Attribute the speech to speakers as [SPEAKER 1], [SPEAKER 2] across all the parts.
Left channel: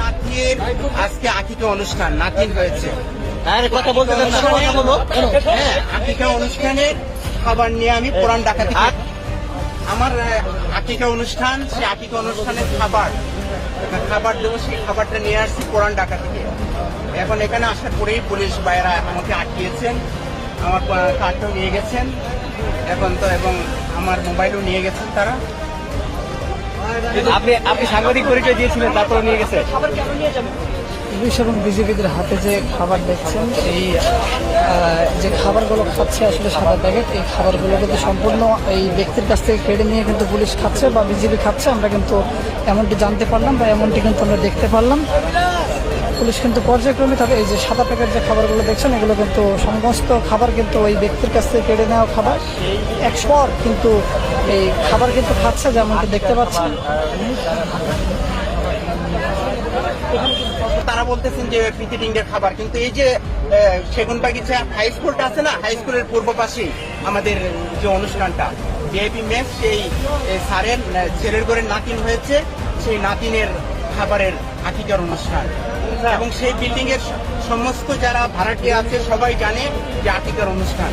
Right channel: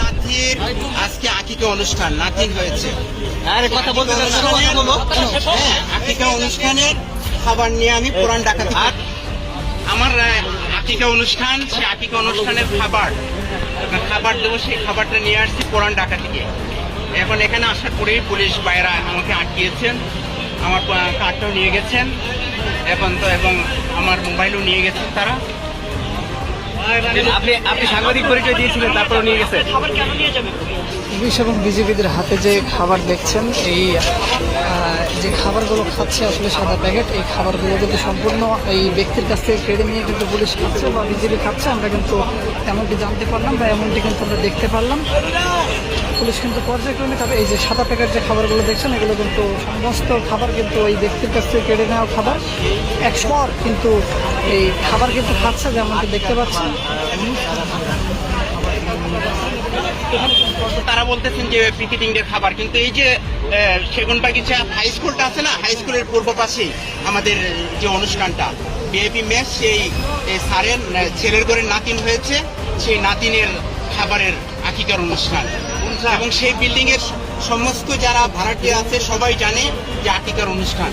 [SPEAKER 1] নাতির আজকে আকিকে অনুষ্ঠান নাতিন হয়েছে
[SPEAKER 2] আরে কথা বলতে
[SPEAKER 1] হ্যাঁ আকিকা অনুষ্ঠানের খাবার নিয়ে আমি পুরান ডাকাতি। আমার আকিকা অনুষ্ঠান, সেই আকিকা অনুষ্ঠানের খাবার খাবার দেবো, সেই খাবারটা নিয়ে আসছি পুরান ডাকা থেকে। এখন এখানে আসার পরেই পুলিশ বাইরা আমাকে আটকিয়েছেন, আমার কার্ডটাও নিয়ে গেছেন, এখন তো, এবং আমার মোবাইলও নিয়ে গেছেন তারা।
[SPEAKER 2] আপনি আপনি সাংবাদিক দিয়েছিলেন
[SPEAKER 3] পুলিশ এবং বিজেপিদের হাতে যে খাবার দেখছেন, এই যে খাবারগুলো খাচ্ছে আসলে সাদা প্যাকেট, এই খাবারগুলো কিন্তু সম্পূর্ণ এই ব্যক্তির কাছ থেকে কেড়ে নিয়ে কিন্তু পুলিশ খাচ্ছে বা বিজেপি খাচ্ছে। আমরা কিন্তু এমনটি জানতে পারলাম বা এমনটি কিন্তু আমরা দেখতে পারলাম। পুলিশ কিন্তু পর্যায়ক্রমে তবে এই যে সাদা প্যাকেট যে খাবারগুলো দেখছেন, এগুলো কিন্তু সমস্ত খাবার কিন্তু ওই ব্যক্তির কাছ থেকে কেড়ে নেওয়া খাবার। একশো পর কিন্তু এই খাবার কিন্তু খাচ্ছে, যেমনটি দেখতে পাচ্ছেন।
[SPEAKER 1] তারা বলতেছেন যে পিকেটিং এর খাবার, কিন্তু এই যে সেগুন বাগিচা হাই স্কুলটা আছে না হাই স্কুলের পূর্ব পাশেই আমাদের যে অনুষ্ঠানটা। বিআইপি মেস সেই স্যারের ছেলের ঘরে নাতিন হয়েছে। সেই নাতিনের খাবারের আকিকার অনুষ্ঠান। এবং সেই বিল্ডিং এর সমস্ত যারা ভাড়াটিয়া আছে সবাই জানে যে আকিকার অনুষ্ঠান।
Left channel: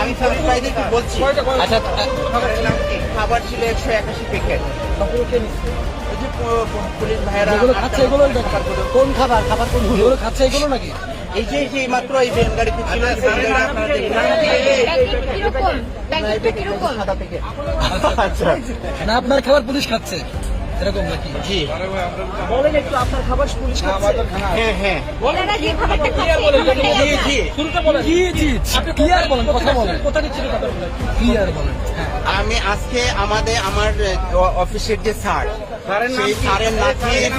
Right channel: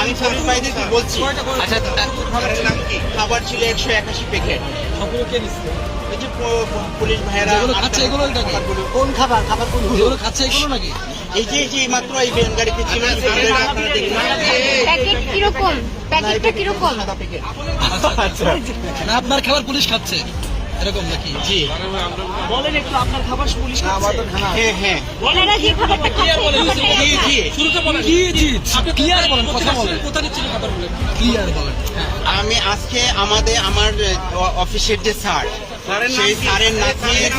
[SPEAKER 1] আমি ভাইদেরকে বলছি
[SPEAKER 2] আচ্ছা
[SPEAKER 1] খাবার ছিল একশো একাশি প্যাকেট পুলিশ ভাইয়েরা
[SPEAKER 4] কোন খাবার? খাবার কোন এগুলো খাচ্ছে এগুলো নাকি?
[SPEAKER 1] এই যে মাত্র এই ভ্যান গাড়িতে ছিল আপনারা দেখলেন।
[SPEAKER 2] আচ্ছা।
[SPEAKER 4] আপনার খাবার পুলিশ খাচ্ছে। এরকম নাকি?
[SPEAKER 1] জি।
[SPEAKER 3] বলেন একটু আপনার খাবার পুলিশ
[SPEAKER 1] হ্যাঁ হ্যাঁ।
[SPEAKER 5] যে খাবারটা খাচ্ছে
[SPEAKER 1] জি জি
[SPEAKER 4] কি জিনিস কি? আর বলেন? কথা বলেন। কোথা দিচ্ছি কি আর বলেন? হ্যাঁ।
[SPEAKER 1] আমি আজকে আমাদের আমার অফিসের যে স্যার সেই স্যারের নাতির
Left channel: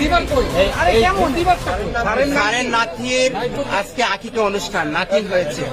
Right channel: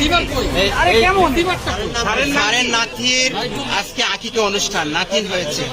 [SPEAKER 1] স্যারের নাতির আজকে আকিকা অনুষ্ঠান নাতিন হয়েছে।